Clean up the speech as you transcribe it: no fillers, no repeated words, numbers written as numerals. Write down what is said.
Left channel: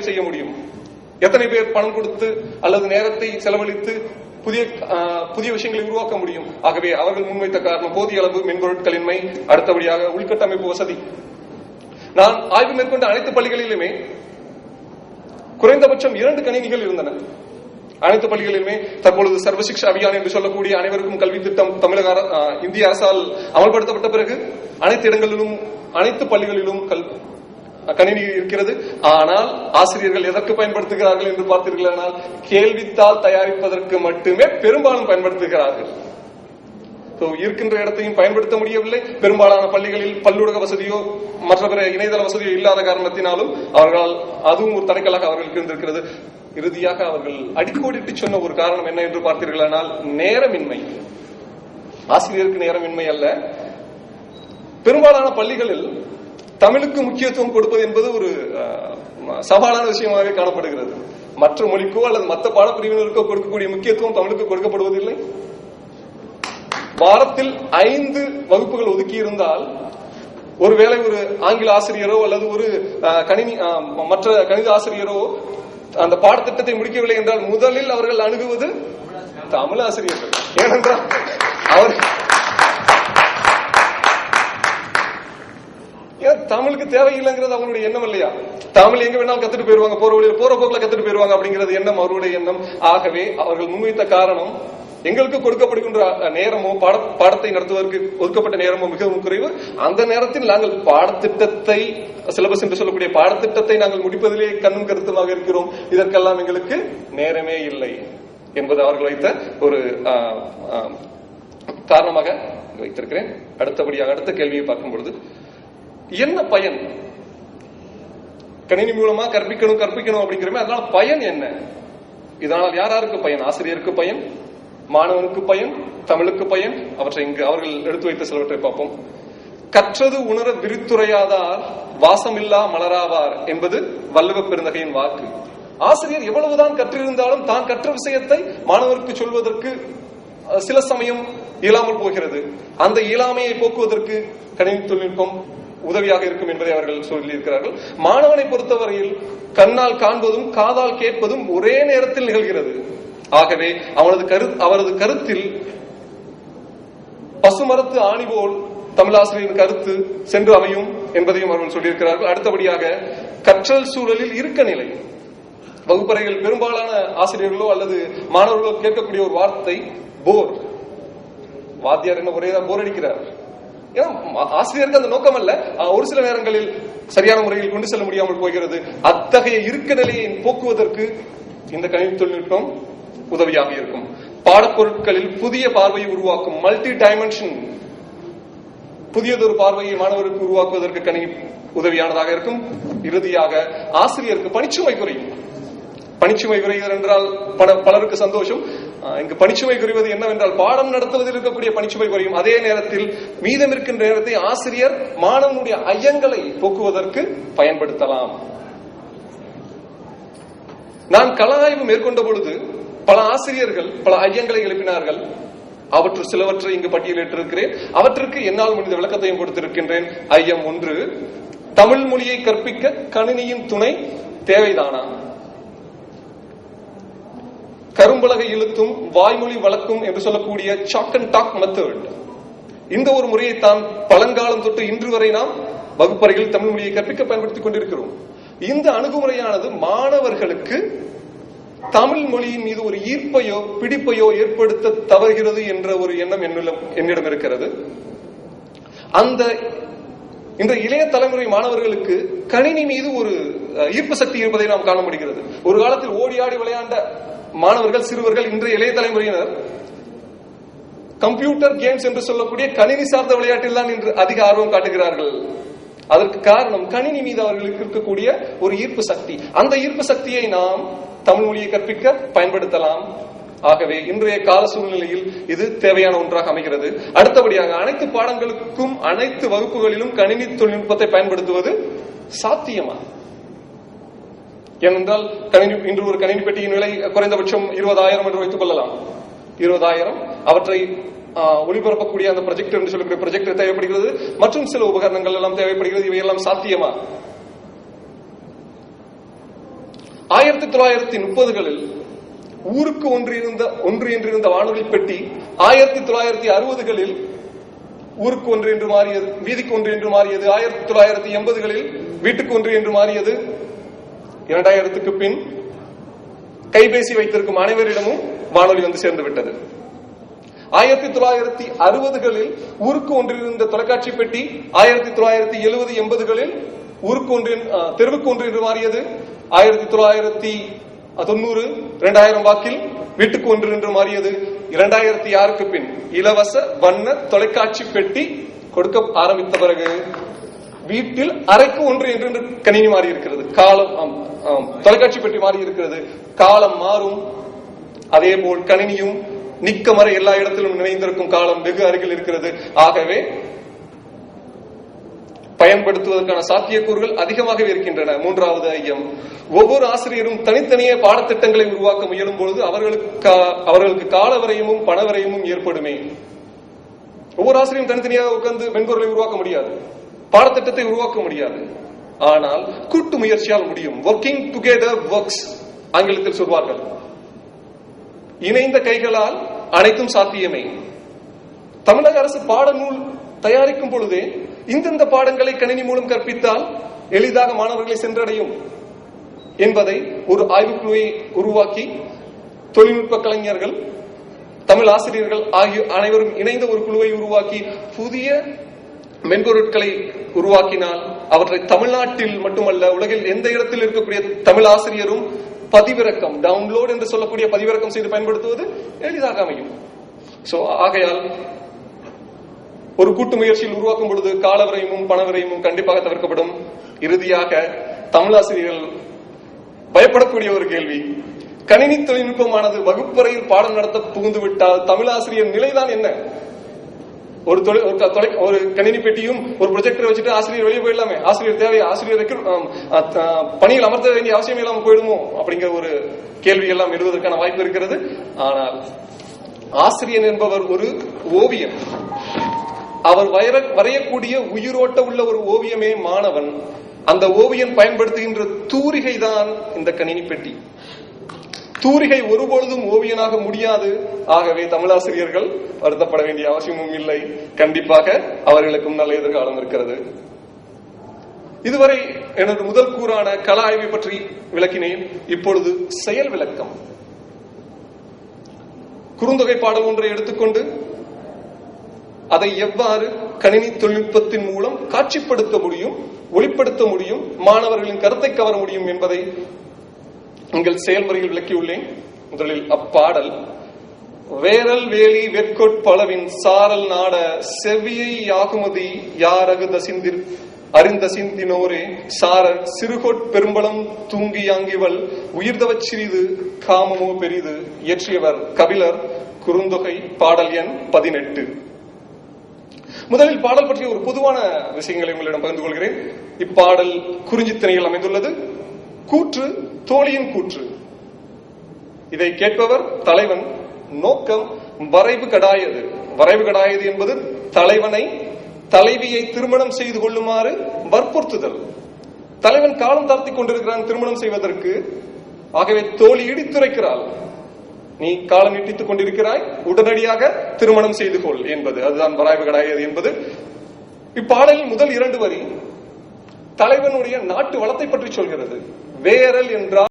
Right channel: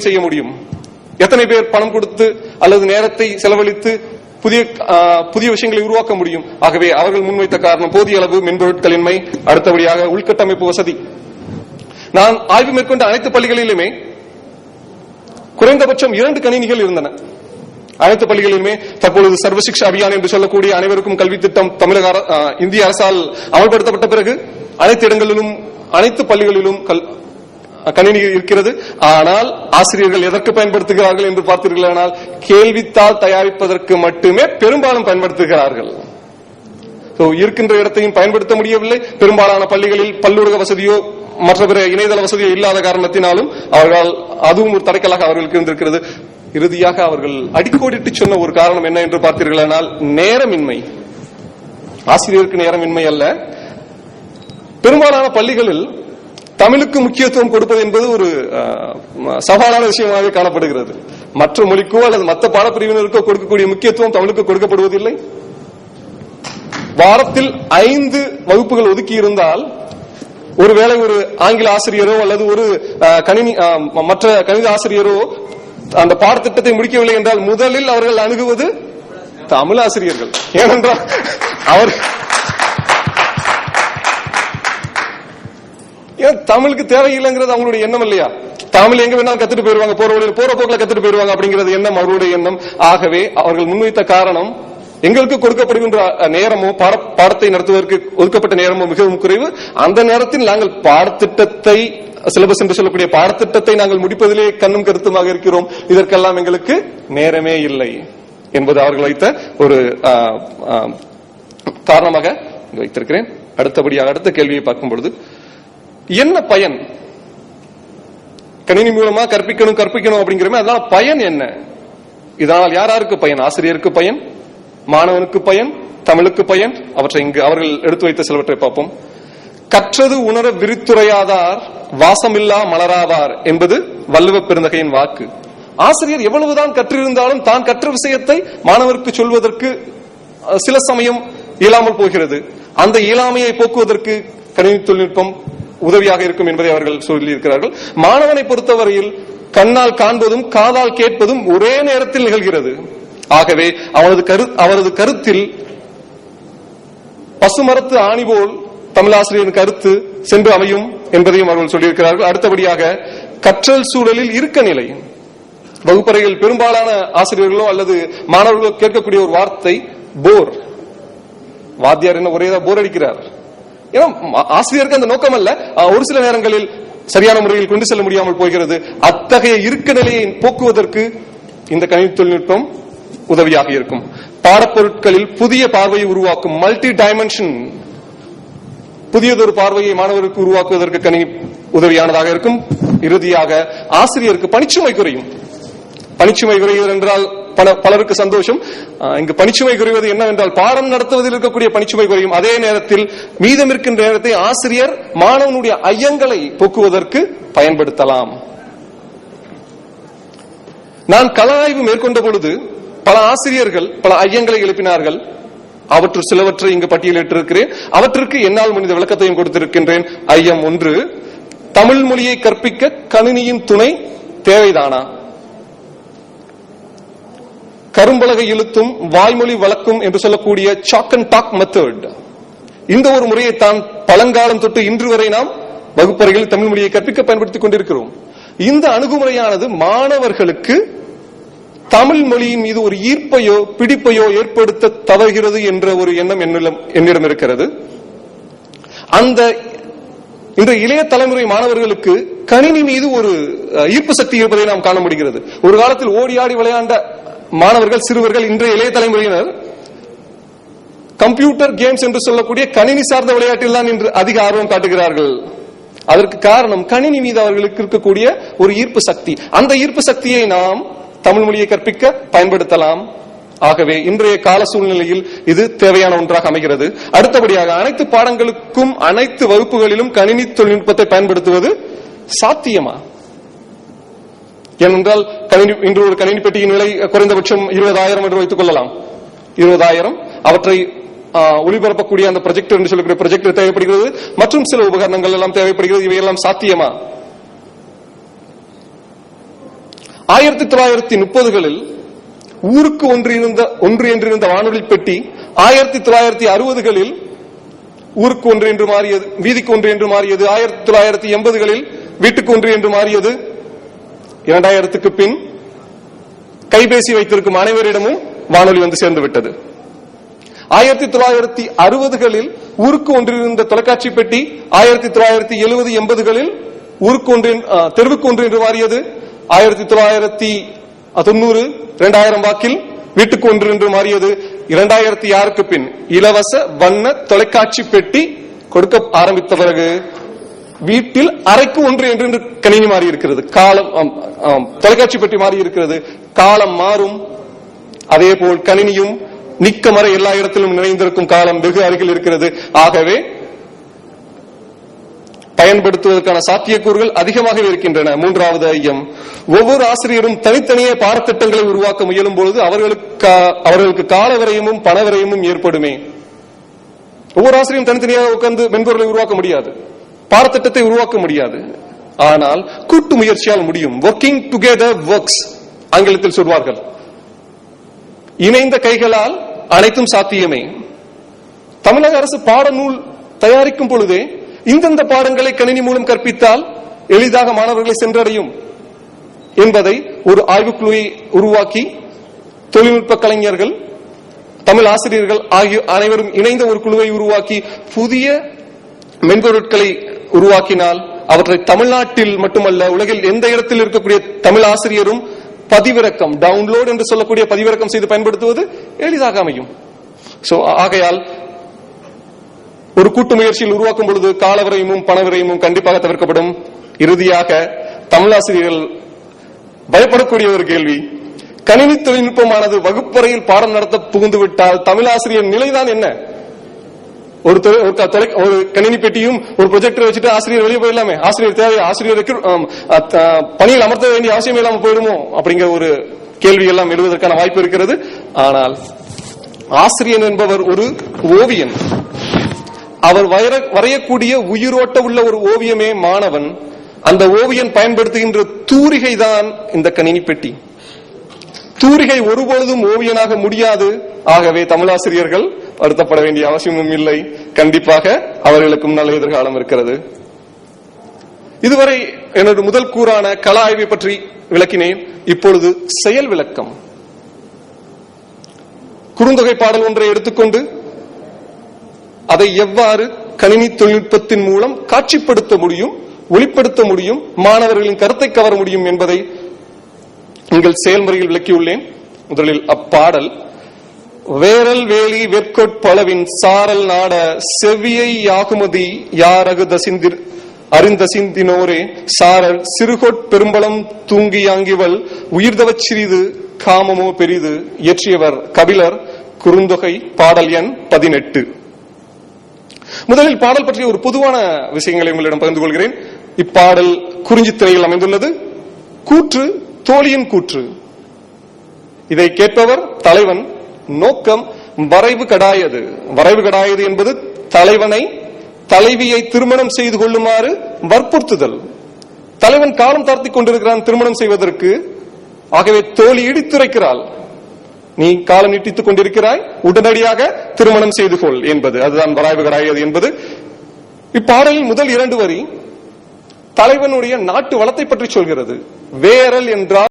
முறையில் செய்ய முடியும்? எத்தனை பேர் பணம் கொடுத்து அல்லது நேரத்தை செலவழித்து புதிய விஷயங்களை உருவாக்க முடியும்? ஆகவே அவர்கள் முன்வைத்த காரணம் போதிய அளவு மென்பொருட்களின்மை, அடுத்தபடியாக உள்கட்டமைப்பு வசதி. நான் ஆய்வு மேற்கொண்ட அனைத்து பள்ளிகளிலுமே குறைந்தபட்சம் 2 கணினிகள் இருந்தன. அனைத்து பள்ளிகளிலுமே தற்பொழுது சர்வசிக்ஷா அபியான் என்று சொல்லக்கூடிய அனைவருக்கும் கல்வி திட்டம் இந்திய அரசால் அமல்படுத்தப்பட்ட பிறகு அனைத்து இடங்களிலும் அனைத்து பள்ளிகளிலும் கணினி இருக்கிறது. ஆனால் ஆசிரியர்கள் எதற்கு பயன்படுத்துகிறார்கள் என்று பார்த்தீர்களானால் கேள்வித்தாள் தயாரிப்பதற்கு மட்டுமே பெரும்பாலும் பயன்படுத்துகிறார்கள். இருக்கின்ற இடத்தையும் பயன்படுத்த முடியவில்லை. பெரும்பாலான பள்ளிகளில் பல்லூடக வசதியோ மற்ற பிற இணையதள வசதியோ இல்லாத காரணத்தினாலும் அவர்களால் அதுவும் ஒரு தடைக்கலாக அவர்களுக்கு இருந்திருக்கிறது. இறுதியாக அவர்கள் அடிக்கோடிட்டு சொன்ன ஒரு காரணம் என்ன என்று பார்த்தீர்களானால் நேரமின்மை. ஆசிரியருக்கு நேரமின்மை அல்ல, பெரும்பாலான பள்ளிகளில் தமிழுக்கு முக்கியத்துவம் கொடுப்பது என்பது ஒரு சவாலான விஷயமாக காணப்படுகிறது. மற்ற மொழிக்கோ அல்லது மற்ற பாடப்பிரிவினருக்கோ கொடுக்கக்கூடிய முக்கியத்துவம் தமிழுக்கு கொடுக்கப்படுவதில்லை. வாரத்தில் 5 வகுப்புகள் ஒதுக்கி இருந்தால் ஒருவேளை ஒரு ஆங்கில ஆசிரியரோ அல்லது ஒரு மற்ற கணித ஆசிரியரோ அந்த பாடத்திட்டத்தை முடிக்கவில்லை என்றால் முதலில் அவர்கள் அணுகுவது தமிழ் ஆசிரியர்கள். ஏனென்றால் தமிழுக்கு தேவையில்லைங்கிறது அவங்களுடைய எண்ணம் இல்லையா? தமிழ் எங்க வேணாலும் கத்துட்டு போயிருவாங்க, போற போக்குல கத்துட்டு போயிருவாங்க அப்படிங்கிறது எண்ணம் அவருடைய எண்ணம். ஆகவே அவர்கள் முன்வைத்த காரணம் எங்களுக்கு கொடுக்கப்படுகின்ற நேரமோ பாடத்தை நடத்துவதற்கு ஒதுக்கப்பட்ட நேரமோ மிகவும் குறைவு. அந்த நேரத்தில் நாங்கள் பாடத்திட்டத்தை சிலபஸ் என்று சொல்லக்கூடிய பாடத்திட்டத்தை நாங்கள் முடிப்பதிலே கண்ணும் கருத்துமாக இருக்கிறோம். இதற்கெல்லாம் எங்களுக்கு நேரமே இல்லை என்பது அவர்கள் வைத்த ஒரு காரணமாக வைத்திருக்கிறேன். அடுத்தபடியாக அடுத்த கேள்வியை பார்க்கும் பொழுது என்ன பயன்? கணினி மூலமா கற்பிக்கணும் அப்படிங்கிறமே, அதனால பயன் என்ன? இதனால் யாருக்கு பயன்? ஆசிரியருக்கு பயன், மாணவனுக்கு பயன், தமிழுக்கு பயன். அவற்றை இங்கு அவர்கள் எடுத்து வைத்த சிலவற்றை பார்ப்போம். கற்றது உணர விரித்துரையாதார் வாசமில்லா மலராதார் என்பது வள்ளுவ பெருந்தகையின் வாக்கு. ஆசிரியர் எவ்வளவுதான் கற்றிருந்தாலும் தான் கற்ற விஷயத்தை மாணவருக்கு சொல்வதற்கு சில சமயம் இயலாமல் போகிறது. அந்த இயலாமையை போக்குவதற்கு கணினி தொழில்நுட்பம் உதவியாக இருக்கும் என்பதை அவர்கள் சொல்லி இருக்கிறார்கள். மாணவனை பொறுத்தவரையில் கண்ணால் காண்பதும் காதால் கேட்பதும் ஒரே நேரத்தில் நிகழ்கிறது. ஆகவே அவரது கருத்தில் பசுமரத்து ஆணி போல் தமிழாசிரியரின் கருத்து சென்று அமையும் என்பதையும் அவர்கள் சொல்லியிருக்கிறார்கள். அடுத்தபடியாக கற்றல் சூழலில் இருக்க நிலை. வகுப்பறையில் பெரும்பாலான ஆசிரியர்களோ அல்லது மாணவர்களோ கேட்கக்கூடிய ஒரு வார்த்தை போர். வாத்தியார் என்ன ஒரே போர் அடிக்கிறார். ஏன்னா ஆசிரியருக்கு அந்த நோக்கம் அல்ல, ஒரு சில நேரங்களில் சரியான முறையில் கொண்டு செல்ல முடியாமல் போகிறது. அத்தகைய இருக்க நிலையை போக்குவதற்கு இந்த கணினி தொழில்நுட்பம் உதவியாக இருக்கும். பாடப்பொருட்களில் புதிய பார்வையை உருவாக்கும் மல்டி டைமென்ஷன், புதியதொரு பார்வையை மாணவருக்கு உருவாக்குவதற்கு கணினி உதவியானதாக இருக்கும். இறுதியாக ஆசிரியருக்கு பணிச்சுமை குறையும். பணிச்சுமை குறைவது என்றால் பலருக்கு சந்தோஷம். இங்கு பணிச்சுமை குறைவது என்னவென்றால் பாடம் நடத்துவதில் இருக்கக்கூடிய பணிச்சுமை குறையும். அதே நேரத்தில் மீதம் இருக்கின்ற நேரத்தை ஆசிரியர் மாணவனுடைய ஐயங்களை போக்குவதற்கு பயன்படுத்தலாம். நான் கள ஆய்வு மேற்கொண்ட பொழுது பல ஆசிரியர்கள் பல ஐயங்களை எழுப்பினார்கள். அவற்று சிலவற்றை இங்கு பட்டியலிட்டிருக்கிறேன். அவற்றுக்கு என்னால் முடிந்த விளக்கத்தையும் கொடுத்திருக்கின்றேன். ஐயம் 1, தமிழ் மொழியை கற்பிக்க கணினியின் துணை தேவைதானா? கரும்பலகை இழுத்தும் வாய்மொழி வழக்கும் என்று சொல்லக்கூடிய சாக் அண்ட் டாக் மெத்தட், இந்த ஒரு முறையை தான் பழங்காலம் தொட்டு இன்று வரை நாம் வகுப்பறையில் தமிழ் மொழியை கற்பிக்க பயன்படுத்திக் கொண்டிருக்கிறோம். இந்த அணுகுமுறையானது மாணவர்களுக்கு தமிழ் மொழியின் மீது ஒரு ஈர்ப்பையோ பிடிப்பையோ ஏற்படுத்த தவறுகிறது என்ற ஒரு எண்ணம் என்னிடம் இருக்கிறது. அந்த இன்று இளைய தலைமுறை மாணவர்களுக்கு கணினி மீது ஒரு ஈர்ப்பு சக்தி இருப்பதை நாம் காண முடிகிறது. ஒரு காலத்தில் ஓடி ஆடி விளையாண்ட மாணவர்கள், சிறுவர்கள், இன்றைய இளைய தலைமுறையினர் கம்ப்யூட்டர் கேம்ஸ் என்று சொல்லக்கூடிய கணினி சார்ந்த விளையாட்டில் தான் இன்று அதிக ஆர்வம் காட்டுகிறார்கள். அதற்கு காரணம் கணினி மீது அவர்களுக்கு இருக்கக்கூடிய ஒரு ஈர்ப்பு சக்தி. அந்த ஈர்ப்பு சக்தியை நாம் தமிழ் மொழியை கற்பிக்க பயன்படுத்தலாம். ஆகவே இன்றைய கால சூழ்நிலையில் இது தேவையான ஒன்றாக அமைகிறது. அடுத்தபடியாக அனைத்து பாடங்களுக்கும் அனைத்து வகுப்புகளிலும் கணினி தொழில்நுட்பத்தை பயன்படுத்துவது சாத்தியமா? ஏனென்றால் இன்று ஒரு கணினி பெட்டியின் விலை குறைந்தபட்சம் 20,000 என்று வைத்துக் கொள்ளலாம். 20,000. அவற்றை ஒளிபரப்பக்கூடிய அந்த ப்ரொஜெக்டர் என்று சொல்லக்கூடிய ப்ரொஜெக்டர் தேவைப்படுகிறது, மற்றும் சில உபகரணங்கள் எல்லாம் தேவைப்படுகிறது. இவையெல்லாம் சாத்தியமா? 1930களில் ஊருக்கு ஒன்று என்றிருந்த வானொலி பெட்டி 1960களில் ஊருக்கு ஒன்று என்று மாறியது, வீதிக்கு ஒன்று என்று மாறியது. 1980களில் வீட்டுக்கு ஒன்று என்று மாறியது. 2000க்கு பின் கைபேசி வைத்திருக்கும் அனைவரிடமும் வானொலி வந்து சேர்ந்து விட்டது. 1960களில் ஊருக்கு ஒன்றிருந்த தொலைக்காட்சி பெட்டி 1970-80களில் ஊருக்கு ஒன்று தெருவுக்கு ஒன்று என்று மாறியது. 1990 2000 வாக்கில் வீட்டுக்கு ஒன்று என்று மாறியது. 2006க்கு பின் இலவச வண்ண தொலைக்காட்சி பெட்டி கொடுக்க ஆரம்பித்த பிறகு வீட்டில் அறைக்கு ஒன்று என்று கணினி மாறி இருக்கிறது. காலம் தொலைக்காட்சி பெட்டி மாறி இருக்கிறது. காலம் மாறும், அதே போல் கணினியும் நிக்கமர எல்லா இடத்திலும் நிறைந்திருக்கும் காலம் வெகு அருகில் இருக்கிறது. ஆகவே பயன்படுத்துவதற்கான சாத்தியக்கூறுகள் அதிகமாகவே இருக்கின்றன. மூன்றாவது ஐயம், ஒவ்வொரு ஆசிரியரும் தனித்தனியே பாடத்திட்டங்களை உருவாக்க முயலும் பொழுது அவர்களுக்கு கால விரயமும் பண விரயமும் ஏற்படுமே. ஒவ்வொரு ஆசிரியரும் தனித்தனியாக உட்கார்ந்து மென்பொருளை உருவாக்க முடியாது, பாடத்திட்டத்தை உருவாக்க முடியாது. ஆனால் கூட்டு முயற்சியால் முடியும். ஒர்க்கிங் டுகெதர் ஒர்க்ஸ் ஆங்கிலத்தில் சொல்வார்கள். இணைந்த கைகளால் அனைத்தும் சாத்தியமே. தமிழக அரசு பாடநூல் தயாரிக்கும் பொழுதே இந்தந்த பாடங்களை கணினி மூலம் கற்பித்தால் எளிதாக மாணவர்களை சென்றடையும் என்பதை ஒரு ஆய்வுக்குழுவை உருவாக்கி தொழில்நுட்ப கலைஞர்கள், தமிழ் ஆசிரியர்கள் ஆகிய அனைவரும் இணைந்த ஒரு குழுவை உருவாக்கி புதிய மென்பொருட்களை உருவாக்கினால் அவற்றை தமிழ்நாட்டில் மட்டுமல்ல உலகில் எந்த இடத்தில் இருக்கக்கூடிய தமிழ் ஆசிரியரும் பதிவிறக்கம், டவுன்லோட் என்று சொல்லக்கூடிய பதிவிறக்கம் செய்து பயன்படுத்துவது எளிதாக அமையும். ஆகையால் ஒரு கூட்டு முயற்சியில் உருவாக்கும் பொழுது காலவரையும் பணவரையும் கண்டிப்பாக தவிர்க்கப்படும். இறுதியாக தமிழாசிரியர்கள் பயப்படக்கூடிய ஒரு கேள்வி, கணினி தொழில்நுட்பமானது வகுப்பறையில் பாடம் நடத்த புகுந்துவிட்டால் தமிழாசிரியர் நிலைதான் என்ன? ஒரு கணினி பெட்டியும் ஒரு ப்ரொஜெக்டர் வச்சுட்டு ஆசிரியர் வெளியே போயிடலாமே, ஆசிரியர் தேவை, ஆசிரியருக்கு பணியில் அமர்த்த வேண்டிய அவசியம் இல்லாமல் போயிடுமோ அப்படிங்கிற ஒரு கேள்வி எல்லாம் எழுவதற்கான வாய்ப்பு இருக்கிறது. ஆனால் ஆசிரியர் என்பவர் ஒரு ஓவியன். அவர் வரையக்கூடிய உயிரோட்ட உள்ள ஒரு ஓவியமே மாணவன். அந்த ஓவியன் பயன்படுத்துகின்ற தூரிகை தான் இந்த கணினி பெட்டி. தூரிகை ஒருபொழுதும் ஓவியனாக முடியாது. ஆகவே தமிழாசிரியர்கள் வருத்தப்பட வேண்டிய அவசியமும் இல்லை. கண்டிப்பாக அவர்களுக்கும் நல்ல எதிர்காலம் இருக்கிறது. இதுவரை எனது முதல் கூறான கள ஆய்வை பற்றி விளக்கினேன். இப்பொழுது செயல் விளக்கம். குறுந்தொகை பாடல் ஒன்றை எடுத்துக்கொண்டு அதை எவ்வாறு கணினி தொழில்நுட்பத்தின் மூலம் காட்சிப்படுத்த முடியும், ஒளிப்படுத்த முடியும், மாணவர்களின் கருத்தை கவர முடியும் என்பதை உங்கள் செயல்முறையில் விளக்கியுள்ளேன். முதலில் அப்பாடல், வேரல் வேலி வெட்கொட்பளவின் சாரல் நாட செவ்வியை யாகுமதி யாரகு அறிந்தசிந்தினோரே சாரல் சிறுகொட் பெரும்பலம் தூங்கி யாங்கிவள் உயிர்தவச் சிறிது காமமோ பெரிது. இயற்றியவர் கபிலர். குறுந்தொகை பாடல் எண் 18. முதலில் பாடல் பற்றிய ஒரு பொதுவான விஷயங்களை உங்களிடம் பகிர்ந்து கொள்கிறேன். இப்பாடல் குறிஞ்சித்திரையில் அமைந்துள்ளது. கூற்று தோழியின் கூற்று. இதை கேட்பவர் தலைவன். நோக்கம் வரைவு கடாயது. வரைவு கடாயது என்பது தலைவனை தலைவியை திருமணம் செய்து கொள்ளுமாறு வற்புறுத்துதல். தலைவன் காலம் தாழ்த்திக் கொண்டிருக்கிறான் திருமணம் செய்வதற்கு. ஆகவே தோழி இடித்துரைக்கிறாள், நீ காலம் நீட்டித்துக் கொண்டிருக்கிறாய், உடனடியாக திருமணம் செய்து கொள் என்பது. அதுதான் வரைவு கடாயது என்பது. இப்பாடலில் முதல் 2 வரி தலைவனுடைய நாட்டு வளத்தை பற்றி சொல்கிறது. வேரல் என்றால்